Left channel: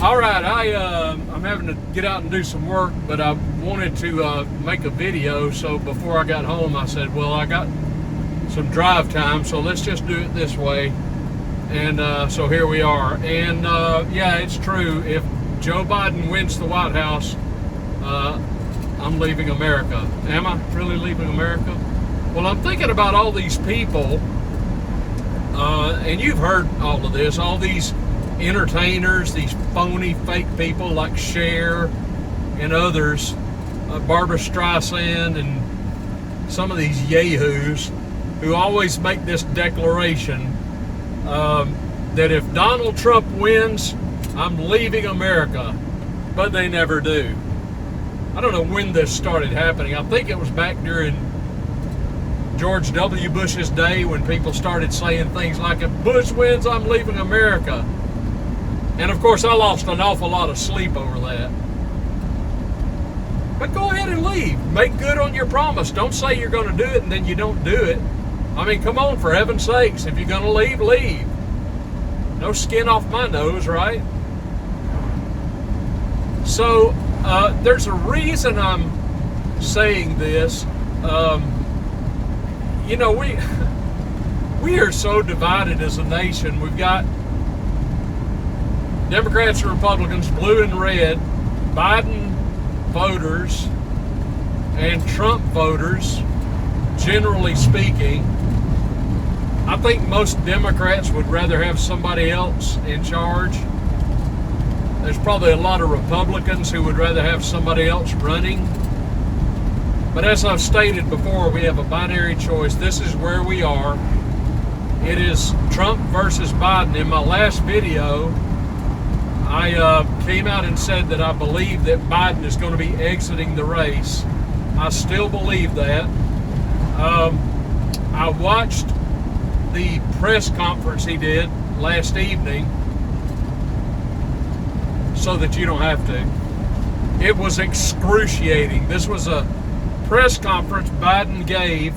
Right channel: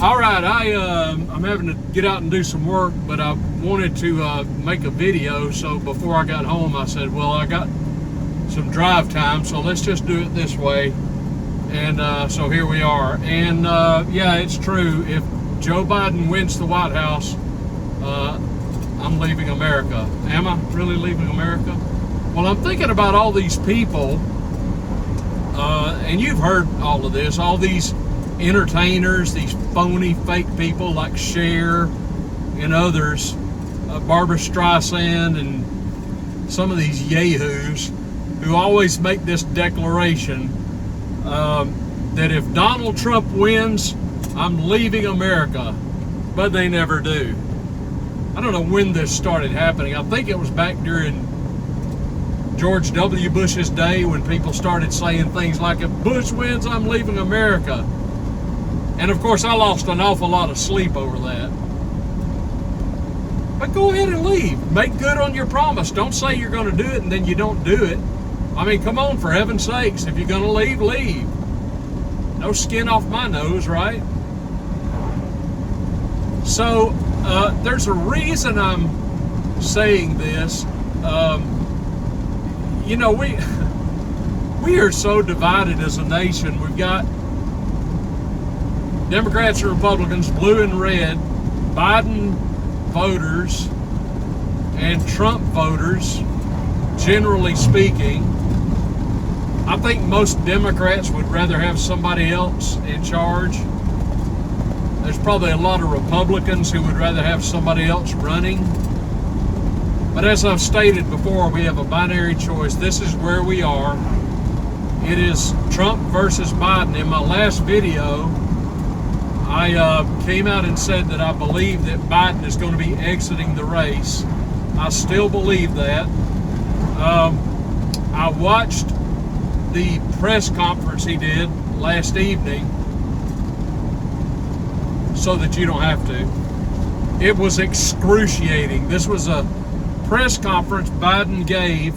All right, I'm having to get out and do some work, but I wanted to make a video. So before I got home, I said, well, I got some drive time, so let's just do it this way. And so here we are. And yeah, it's true. If Joe Biden wins the White House, I'm leaving America. Am I really leaving America? Well, I'm thinking about all these people, and you've heard all of this, all these entertainers, these phony fake people like Cher and others, Barbara Streisand and some of these yahoos who always make this declaration that if Donald Trump wins, I'm leaving America, but they never do. I don't know when this started happening. I think it was back during George W. Bush's day when people started saying things like, if Bush wins, I'm leaving America. And of course, I lost an awful lot of sleep over that. But go ahead and leave. Make good on your promise. Don't say you're going to do it and then you don't do it. I mean, come on, for heaven's sakes. If you're going to leave, leave. No skin off my nose, right? So, there's a reason I'm saying this. You know, we are so divided as a nation. We've got Democrats and Republicans, blue and red, Biden voters and Trump voters, generally speaking. I think most Democrats would rather have somebody else in charge. There's probably a lot of Republicans who would rather have somebody else running. But as I've stated before, we have a binary choice. This is where we are. It is Trump versus Biden. In my last video, I came out and said that I believe that Biden is going to be exiting the race. I still believe that. I watched the press conference he did last evening so that you don't have to. It was excruciating. This was a press conference Biden gave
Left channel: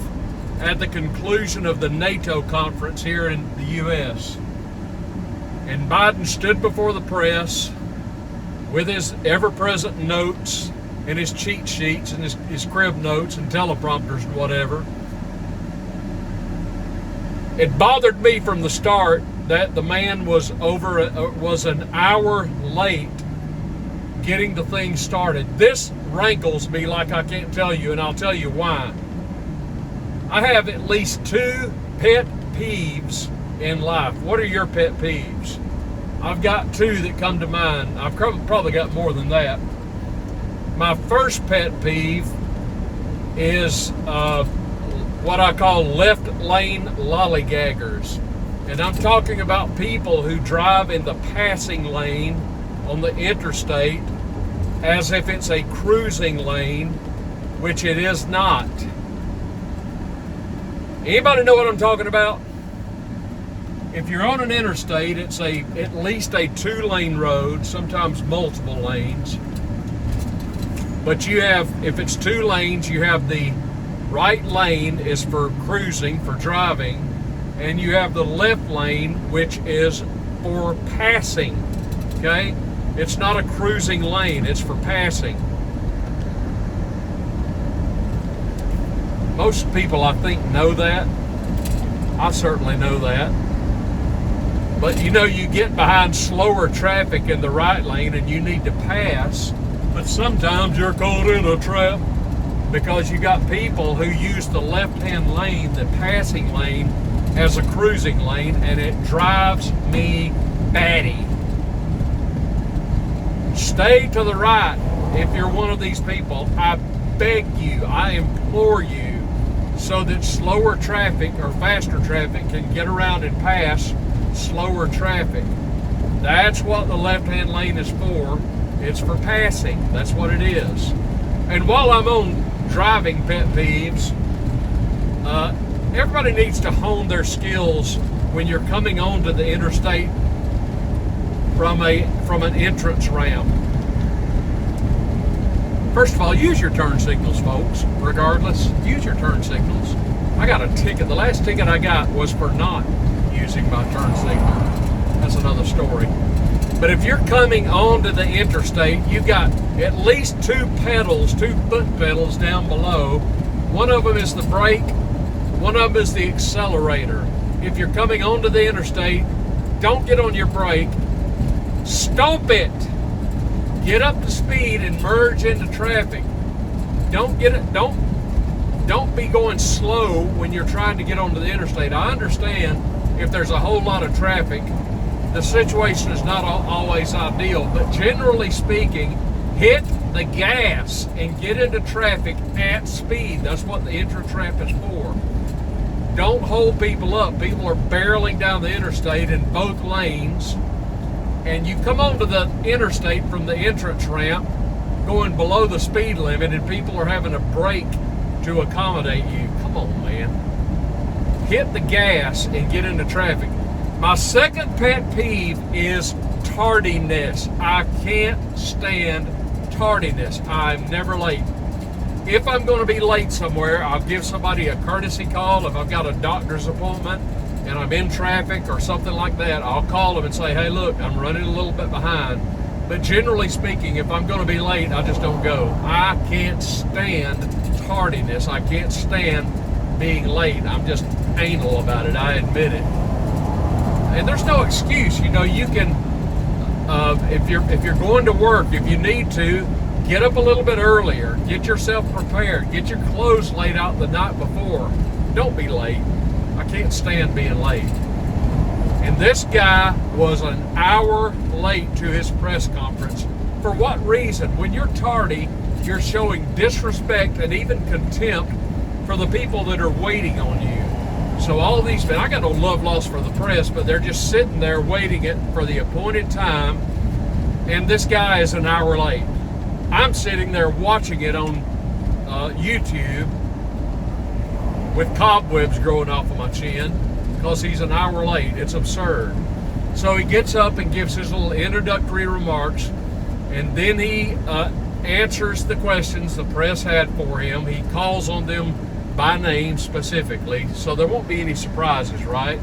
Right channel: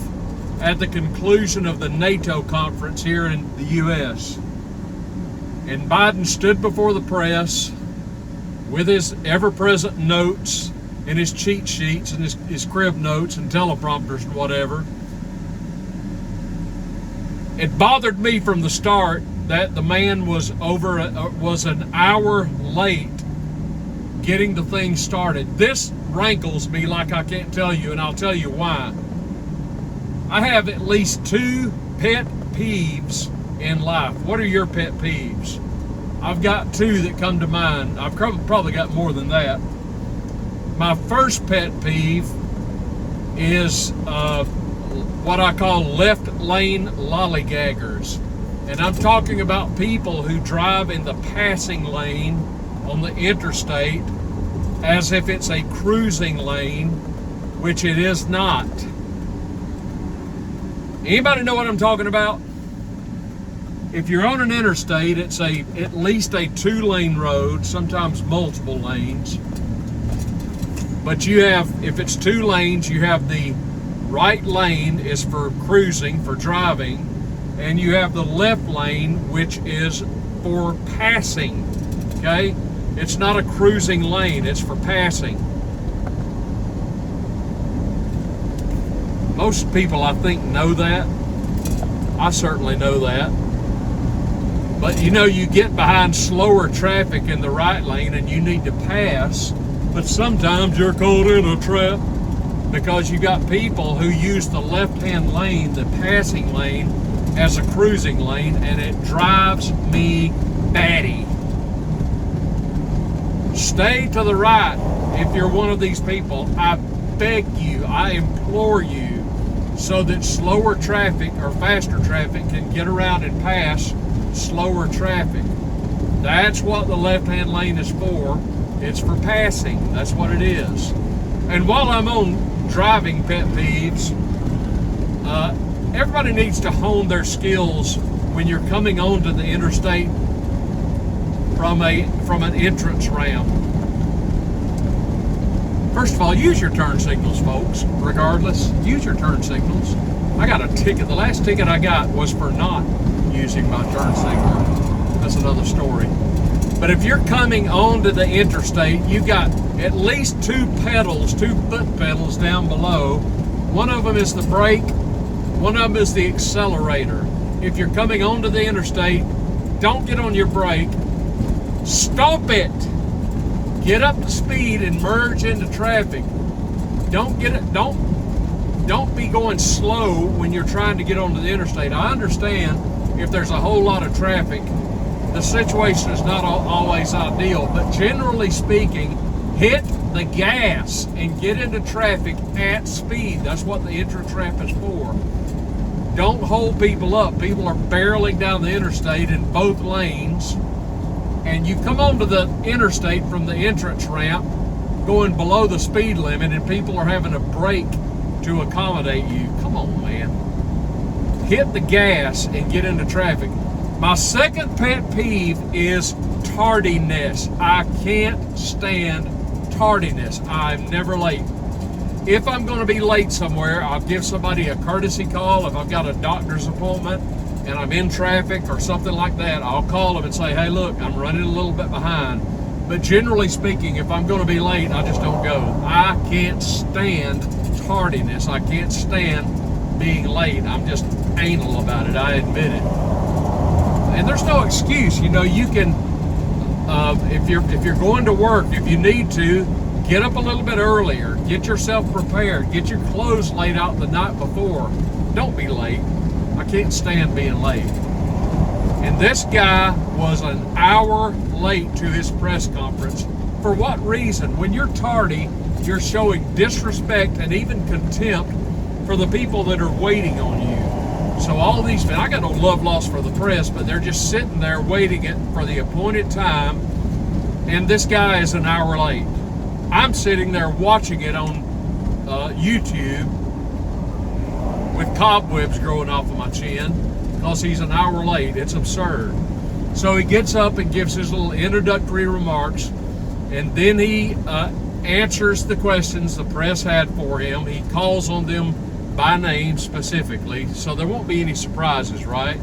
at the conclusion of the NATO conference here in the U.S. And Biden stood before the press with his ever-present notes and his cheat sheets and his crib notes and teleprompters and whatever. It bothered me from the start that the man was an hour late getting the thing started. This rankles me like I can't tell you, and I'll tell you why. I have at least 2 pet peeves in life. What are your pet peeves? I've got 2 that come to mind. I've probably got more than that. My first pet peeve is what I call left lane lollygaggers. And I'm talking about people who drive in the passing lane on the interstate as if it's a cruising lane, which it is not. Anybody know what I'm talking about? If you're on an interstate, it's at least a 2-lane road, sometimes multiple lanes. But you have, if it's 2 lanes, you have the right lane is for cruising, for driving, and you have the left lane, which is for passing, okay? It's not a cruising lane, it's for passing. Most people, I think, know that. I certainly know that. But you know, you get behind slower traffic in the right lane and you need to pass, but sometimes you're caught in a trap because you got people who use the left-hand lane, the passing lane, as a cruising lane, and it drives me batty. Stay to the right if you're one of these people. I beg you, I implore you, so that slower traffic or faster traffic can get around and pass slower traffic. That's what the left-hand lane is for. It's for passing. That's what it is. And while I'm on driving pet peeves, everybody needs to hone their skills when you're coming onto the interstate from an entrance ramp. First of all, use your turn signals, folks. Regardless, use your turn signals. I got a ticket. The last ticket I got was for not using my turn signal. That's another story. But if you're coming onto the interstate, you got at least two foot pedals down below. One of them is the brake, one of them is the accelerator. If you're coming onto the interstate, don't get on your brake, stomp it. Get up to speed and merge into traffic. Don't be going slow when you're trying to get onto the interstate. I understand if there's a whole lot of traffic, the situation is not always ideal, but generally speaking, hit the gas and get into traffic at speed. That's what the intra-trap is for. Don't hold people up. People are barreling down the interstate in both lanes, and you come onto the interstate from the entrance ramp going below the speed limit, and people are having to brake to accommodate you. Come on, man. Hit the gas and get into traffic. My second pet peeve is tardiness. I can't stand tardiness. I'm never late. If I'm going to be late somewhere, I'll give somebody a courtesy call. If I've got a doctor's appointment and I'm in traffic or something like that, I'll call them and say, hey, look, I'm running a little bit behind. But generally speaking, if I'm going to be late, I just don't go. I can't stand tardiness. I can't stand being late. I'm just anal about it. I admit it. And there's no excuse. You know, you can, if you're going to work, if you need to, get up a little bit earlier. Get yourself prepared. Get your clothes laid out the night before. Don't be late. I can't stand being late. And this guy was an hour late to his press conference. For what reason? When you're tardy, you're showing disrespect and even contempt for the people that are waiting on you. So all these, I got no love lost for the press, but they're just sitting there waiting for the appointed time, and this guy is an hour late. I'm sitting there watching it on YouTube with cobwebs growing off of my chin because he's an hour late. It's absurd. So he gets up and gives his little introductory remarks, and then he answers the questions the press had for him. He calls on them by name specifically, so there won't be any surprises, right?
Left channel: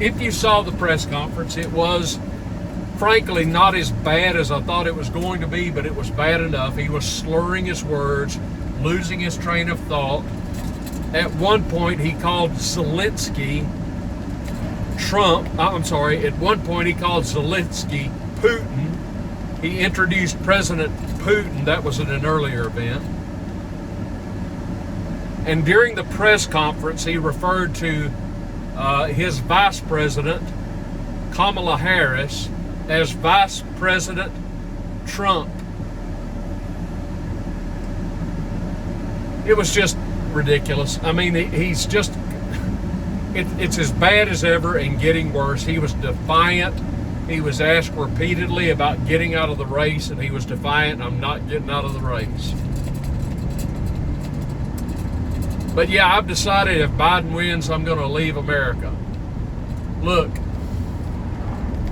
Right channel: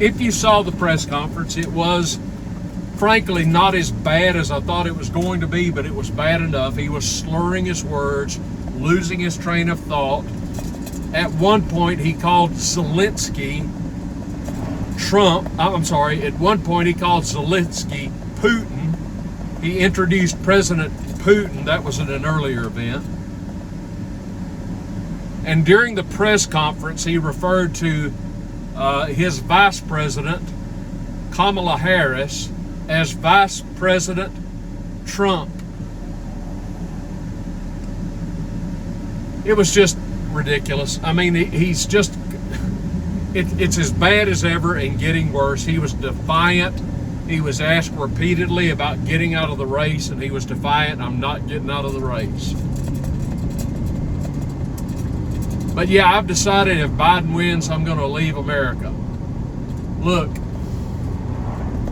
If you saw the press conference, it was frankly not as bad as I thought it was going to be, but it was bad enough. He was slurring his words, losing his train of thought. At one point he called Zelensky at one point he called Zelensky Putin. He introduced President Putin. That was at an earlier event. And during the press conference, he referred to his vice president, Kamala Harris, as Vice President Trump. It was just ridiculous. I mean, he's just, it's as bad as ever and getting worse. He was defiant. He was asked repeatedly about getting out of the race, and he was defiant. I'm not getting out of the race. But yeah, I've decided if Biden wins, I'm going to leave America. Look,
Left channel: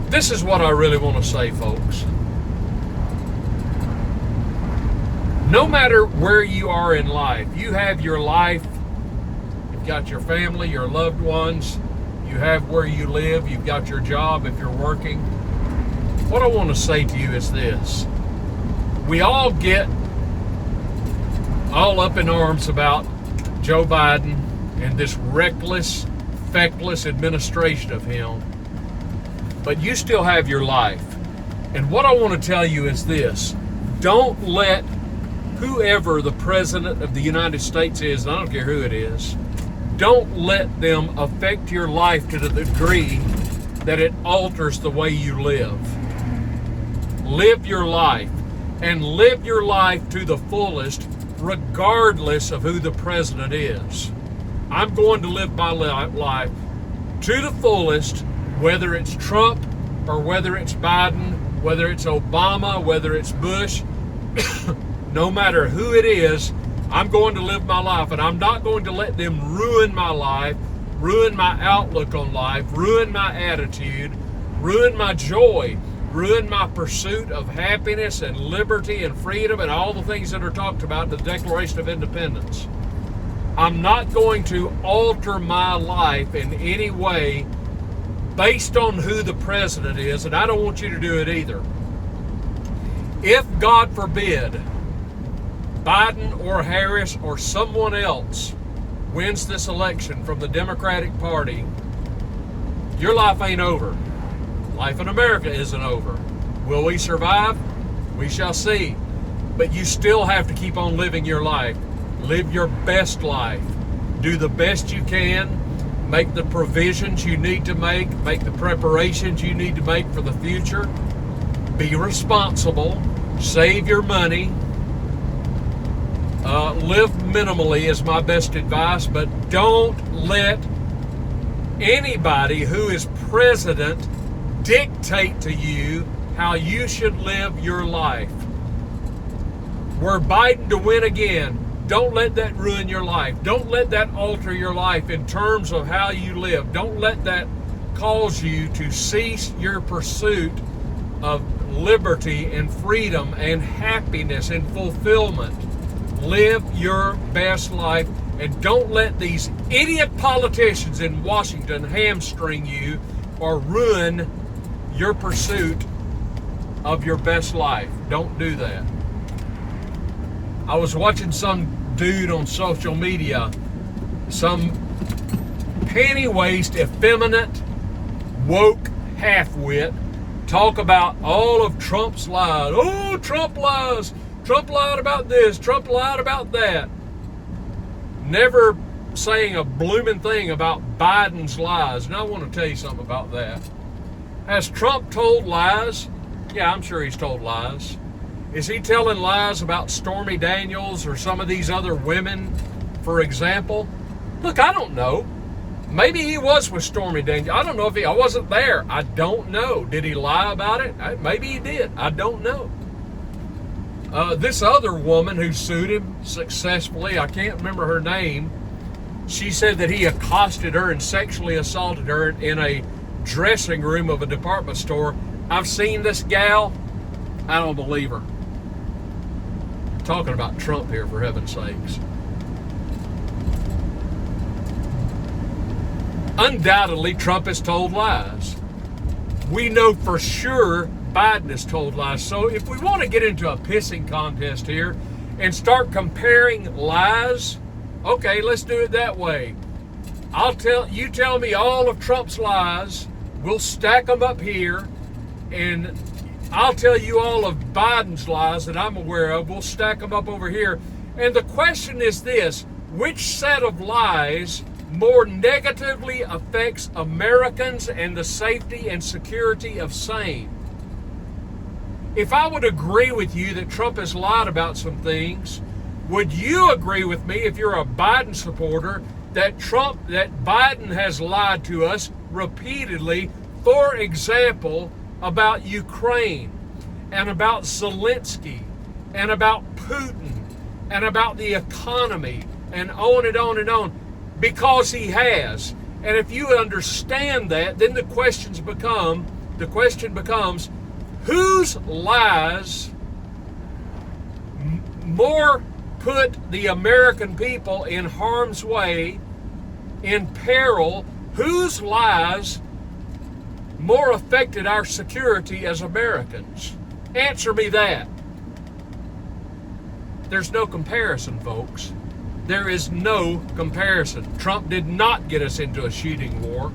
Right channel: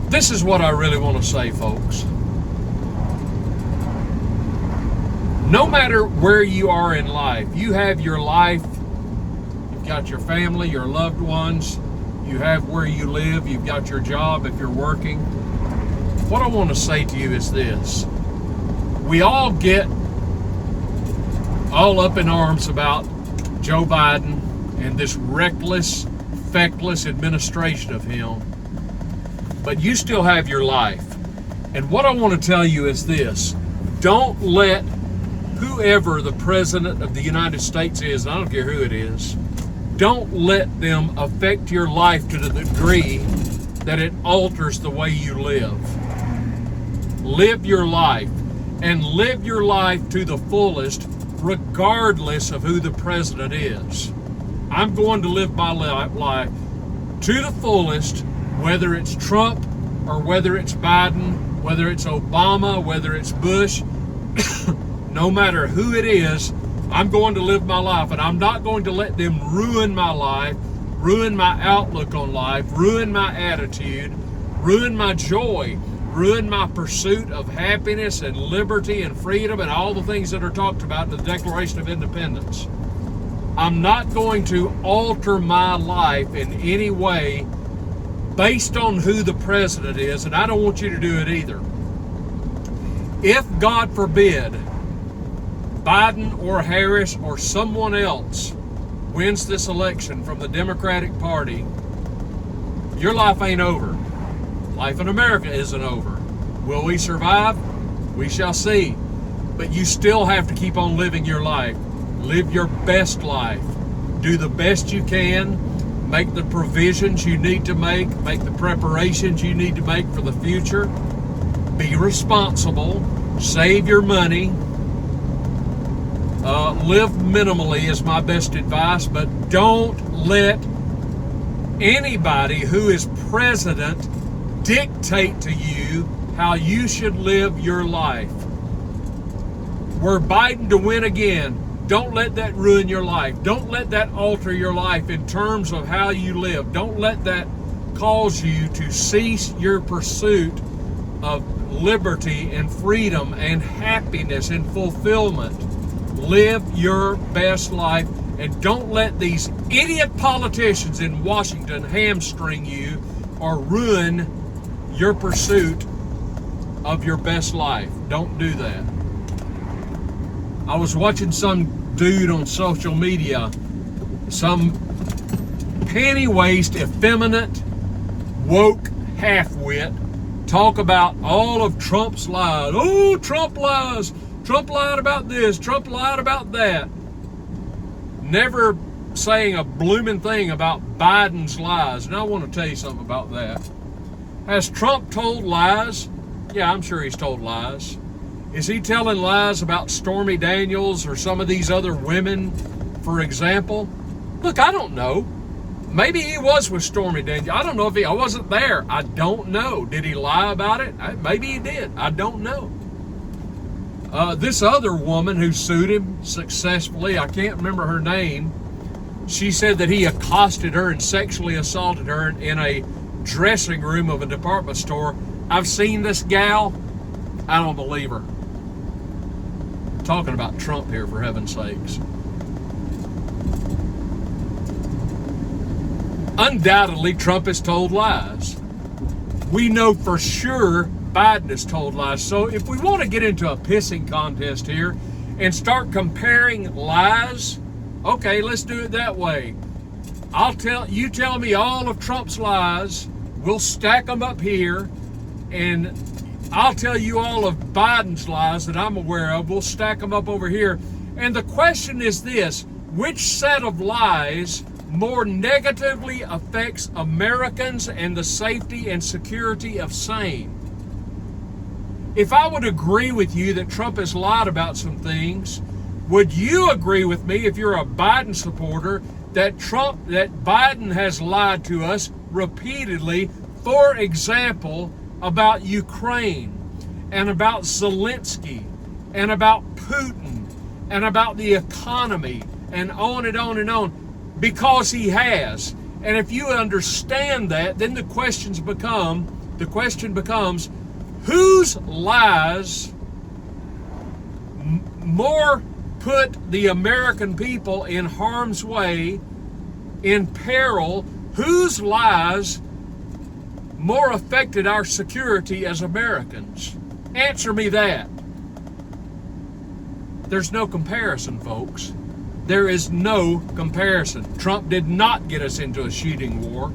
this is what I really want to say, folks. No matter where you are in life, you have your life, you've got your family, your loved ones, you have where you live, you've got your job if you're working. What I want to say to you is this. We all get all up in arms about Joe Biden and this reckless, feckless administration of him, but you still have your life. And what I want to tell you is this. Don't let whoever the president of the United States is, I don't care who it is, don't let them affect your life to the degree that it alters the way you live. Live your life, and live your life to the fullest, regardless of who the president is. I'm going to live my life to the fullest, whether it's Trump or whether it's Biden, whether it's Obama, whether it's Bush, no matter who it is, I'm going to live my life, and I'm not going to let them ruin my life, ruin my outlook on life, ruin my attitude, ruin my joy, ruin my pursuit of happiness and liberty and freedom and all the things that are talked about in the Declaration of Independence. I'm not going to alter my life in any way based on who the president is, and I don't want you to do it either. If, God forbid, Biden or Harris or someone else wins this election from the Democratic Party, your life ain't over. Life in America isn't over. Will we survive? We shall see. But you still have to keep on living your life. Live your best life. Do the best you can. Make the provisions you need to make. Make the preparations you need to make for the future. Be responsible. Save your money. Live minimally is my best advice, but don't let anybody who is president dictate to you how you should live your life. Were Biden to win again, don't let that ruin your life. Don't let that alter your life in terms of how you live. Don't let that cause you to cease your pursuit of liberty and freedom and happiness and fulfillment. Live your best life, and don't let these idiot politicians in Washington hamstring you or ruin your pursuit of your best life. Don't do that. I was watching some dude on social media, some panty-waist, effeminate, woke half-wit, talk about all of Trump's lies. Oh, Trump lies. Trump lied about this. Trump lied about that. Never saying a blooming thing about Biden's lies. And I want to tell you something about that. Has Trump told lies? Yeah, I'm sure he's told lies. Is he telling lies about Stormy Daniels or some of these other women, for example? Look, I don't know. Maybe he was with Stormy Daniels. I don't know if I wasn't there. I don't know. Did he lie about it? Maybe he did. I don't know. This other woman who sued him successfully, I can't remember her name, she said that he accosted her and sexually assaulted her in a dressing room of a department store. I've seen this gal. I don't believe her. I'm talking about Trump here, for heaven's sakes. Undoubtedly, Trump has told lies. We know for sure Biden has told lies. So if we want to get into a pissing contest here and start comparing lies, okay, let's do it that way. You tell me all of Trump's lies, we'll stack them up here, and I'll tell you all of Biden's lies that I'm aware of, we'll stack them up over here. And the question is this: which set of lies more negatively affects Americans and the safety and security of same? If I would agree with you that Trump has lied about some things, would you agree with me, if you're a Biden supporter, that Biden has lied to us repeatedly, for example, about Ukraine and about Zelensky and about Putin and about the economy and on and on and on? Because he has. And if you understand that, then the question becomes, whose lies more put the American people in harm's way, in peril? Whose lies more affected our security as Americans? Answer me that. There's no comparison, folks. There is no comparison. Trump did not get us into a shooting war.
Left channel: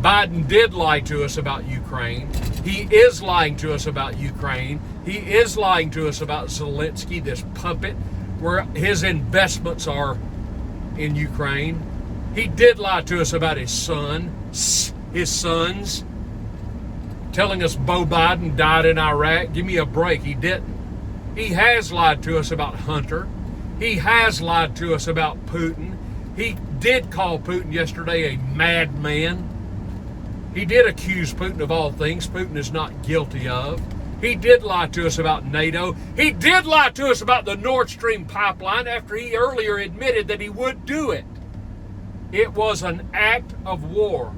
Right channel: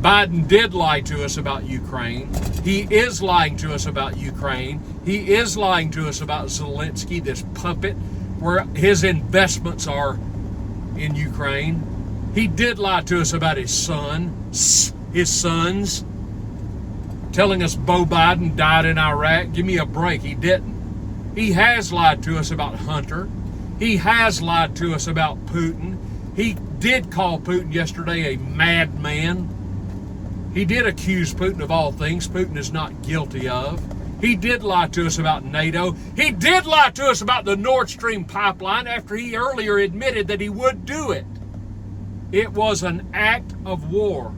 Biden did lie to us about Ukraine. He is lying to us about Ukraine. He is lying to us about Zelensky, this puppet, where his investments are in Ukraine. He did lie to us about his sons, telling us Beau Biden died in Iraq. Give me a break. He didn't. He has lied to us about Hunter. He has lied to us about Putin. He did call Putin yesterday a madman. He did accuse Putin of all things Putin is not guilty of. He did lie to us about NATO. He did lie to us about the Nord Stream pipeline after he earlier admitted that he would do it. It was an act of war.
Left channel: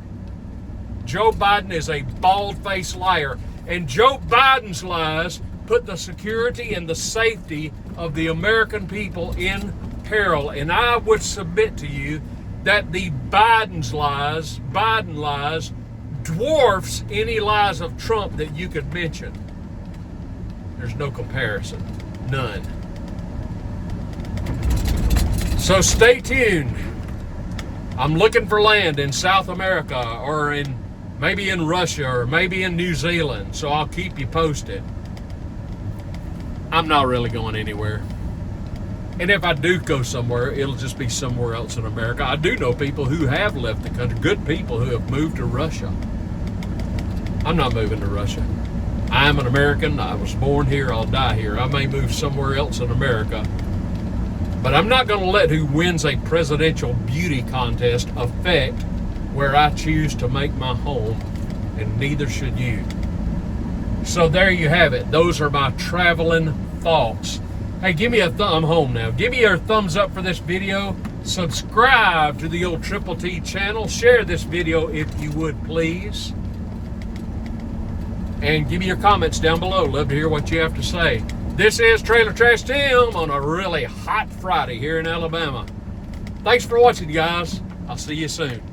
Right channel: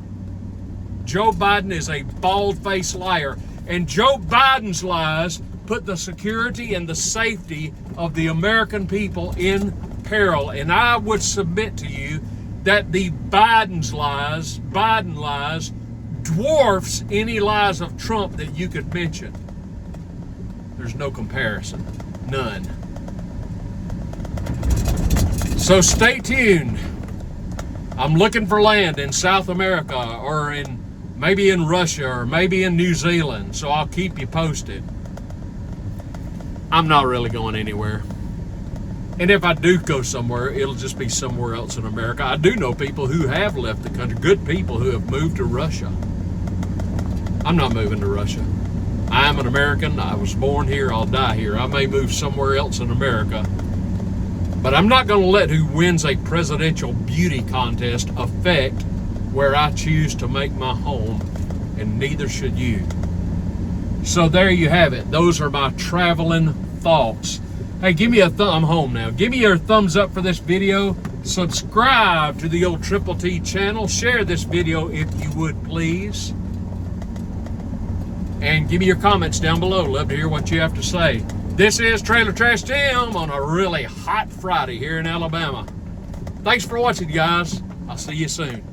Joe Biden is a bald-faced liar. And Joe Biden's lies put the security and the safety of the American people in peril. And I would submit to you that the Biden lies dwarfs any lies of Trump that you could mention. There's no comparison. None. So stay tuned. I'm looking for land in South America or maybe in Russia or maybe in New Zealand. So I'll keep you posted. I'm not really going anywhere. And if I do go somewhere, it'll just be somewhere else in America. I do know people who have left the country, good people who have moved to Russia. I'm not moving to Russia. I'm an American. I was born here. I'll die here. I may move somewhere else in America. But I'm not going to let who wins a presidential beauty contest affect where I choose to make my home, and neither should you. So there you have it. Those are my traveling thoughts. Hey, give me a I'm home now. Give me your thumbs up for this video. Subscribe to the old Triple T channel. Share this video if you would, please. And give me your comments down below. Love to hear what you have to say. This is Trailer Trash Tim on a really hot Friday here in Alabama. Thanks for watching, guys. I'll see you soon.